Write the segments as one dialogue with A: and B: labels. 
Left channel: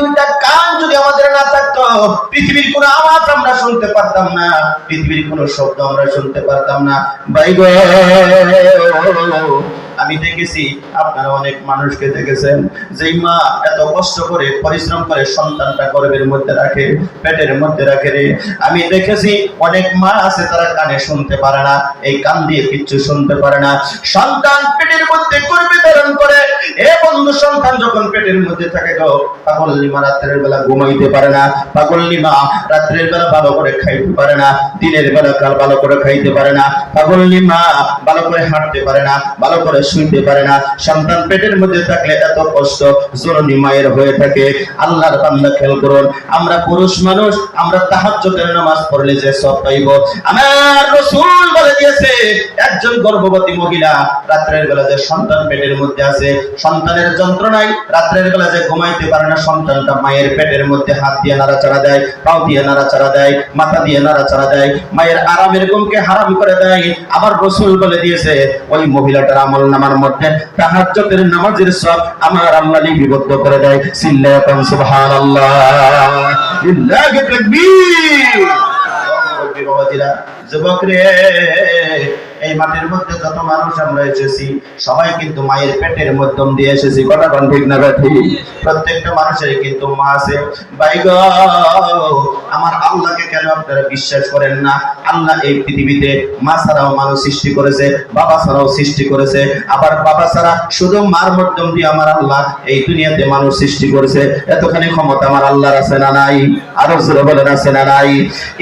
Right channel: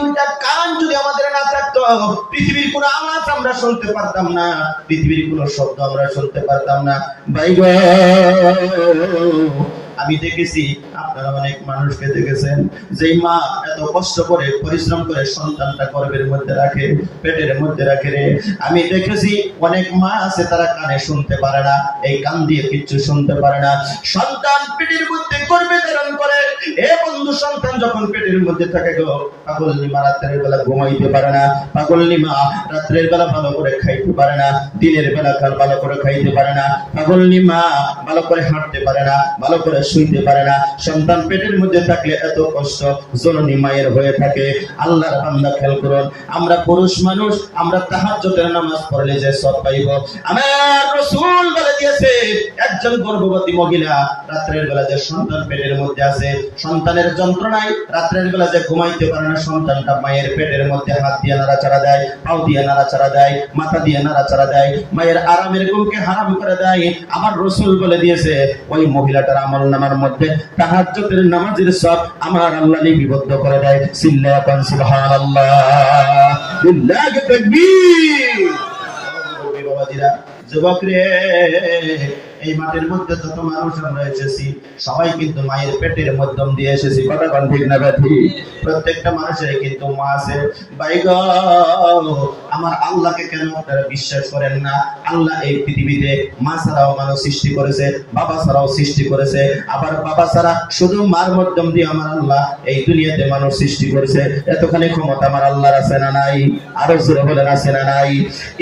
A: দুইটা কান যদি আমাদের না থাকতো, পৃথিবীর কোনো আওয়াজ আমরা শুনতে পারতাম না, পৃথিবীর কোনো শব্দ আমরা শুনতে পারতাম না। গো আমি দেখেছি, আপনারা অনেক মানুষকে দেখেছেন, যেই মা এত কষ্ট করে, পরিশ্রম করে সন্তানটা গর্ভের মধ্যে রাখে, পেটের মধ্যে রাখে রে। আমি দেখেছি, অনেক মা আছে তারা কানে শুনতে পারে না, এই কান দিয়ে কিচ্ছু শুনতে পারে না। সন্তান পেটের মধ্যে গর্ভে ধারণ করে, এ বন্ধু সন্তান যখন পেটের মধ্যে থাকে গো পাগল লিমা রাত্রের বেলা ঘুমাইতে পারে না পাগল লিমা রাত্রের বেলা ভালো করে খাইতে পারে না, দিনের বেলা কাল ভালো করে খাইতে পারে না পাগল লিমা ভালো করে হাঁটতে পারে না, ভালো করে শুইতে পারে না। সন্তান পেটের মধ্যে থাকলে এত কষ্ট, জননী মায়ের হয়ে থাকে। আল্লাহর বান্দা খেয়াল করুন, আমরা পুরুষ মানুষ, আমরা তাহাজ্জুদের নামাজ পড়লে যে সব পাইব। আমার রাসূল বলে দিয়েছে একজন গর্ভবতী মহিলা রাত্রের বেলা যে সন্তান পেটের মধ্যে আছে, সন্তানের যন্ত্রণায় রাত্রের বেলা যে ঘুমাইতে পারে না, সন্তানটা মায়ের পেটের মধ্যে হাত দিয়ে নাড়াচাড়া দেয়, পাও দিয়ে নাড়াচাড়া দেয়, মাথা দিয়ে নাড়াচাড়া দেয়, মায়ের আরামের ঘুমকে হারাম করে দেয়। আবার রসুল বলে দিয়েছে, ওই মহিলাটার আমল নামার মধ্যে তাহাজ্জুদের নামাজের সব আমার আল্লাহ লিপিবদ্ধ করে দেয়। সিল্লাতান সুবহানাল্লাহ। লিল্লাহি তাকবীর। যুবক রে এই মাঠের মধ্যে যত মানুষ আমরা এসেছি, সবাই কিন্তু মায়ের পেটের মধ্যম দিয়ে এসেছি। কথা কোন ঠিক না ব্যাঠি প্রত্যেকটা মানুষের কিন্তু মা আছে। ভাই গো, আমার আল্লাহকে কেন আপনারা বিশ্বাস করেন না? আল্লাহ এই পৃথিবীতে মা ছাড়াও মানুষ সৃষ্টি করেছে, বাবা ছাড়াও সৃষ্টি করেছে। আবার বাবা ছাড়া শুধু মার মধ্যম দিয়ে আমার আল্লাহ এই দুনিয়াতে মানুষ সৃষ্টি করেছে। এতখানি ক্ষমতা আমার আল্লাহর আছে না নাই? আরও জোরে বলেন, আছে না নাই?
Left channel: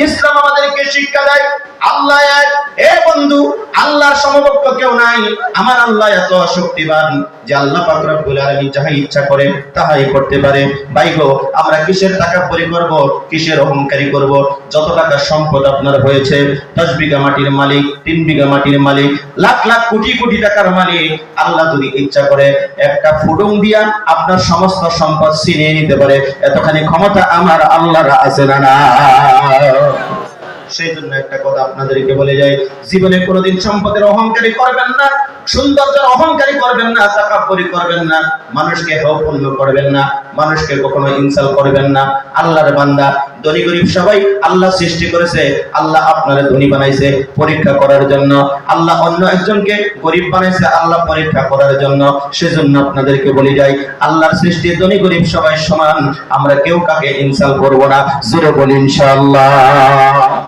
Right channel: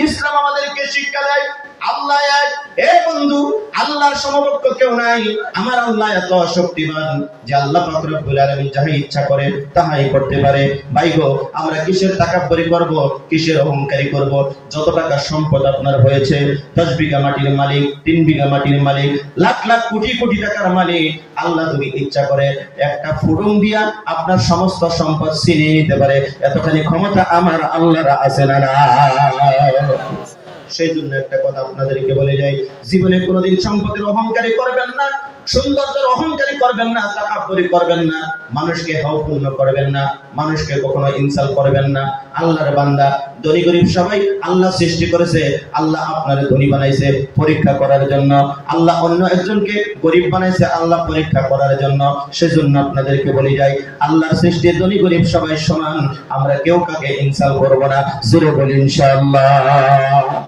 A: ইসলাম আমাদেরকে শিক্ষা দেয়, আল্লাহ এক, এ বন্ধু আল্লাহর সমকক্ষ কেউ নাই। আমার আল্লাহ এত শক্তিবান যে আল্লাহ পাক রব্বুল আলামিন যাহা ইচ্ছা করে তাহাই করতে পারে। ভাই গো, আমরা কিসের তাকাব্বুরি করব? কিসের অহংকারী করব? যত টাকা সম্পদ আপনার হয়েছে 10 বিঘা মাটির মালিক 3 বিঘা মাটির মালিক, লাখ লাখ কোটি কোটি টাকার মালিক, আল্লাহ যদি ইচ্ছা করে একটা ফুডুং দিয়া আপনার সমস্ত সম্পদ ছিনিয়ে নিতে পারে। এতখানি ক্ষমতা আমার আল্লাহর আছে না না? সেই জন্য একটা কথা আপনাদেরকে বলে যাই, জীবনে কোনোদিন সম্পদের অহংকারী করবেন না, সৌন্দর্যের অহংকারী করবেন না, তাকাব্বরি করবেন না, মানুষকে হাউপূর্ণ করবেন না, মানুষকে কখনো ইনসাল করবেন না। আল্লাহর বান্দা, ধনী গরিব সবাই আল্লাহ সৃষ্টি করেছে, আল্লাহ আপনারে ধনী বানাইছে পরীক্ষা করার জন্য। আল্লাহ অন্য একজনকে গরিব বানাইছে, আল্লাহ পরীক্ষা করার জন্য। সেজন্য আপনাদেরকে বলি যাই, আল্লাহর সৃষ্টি ধনী গরিব সবাই সমান, আমরা কেউ কাকে ইনসাল করব না, জোরে বলি ইনশাআল্লাহ।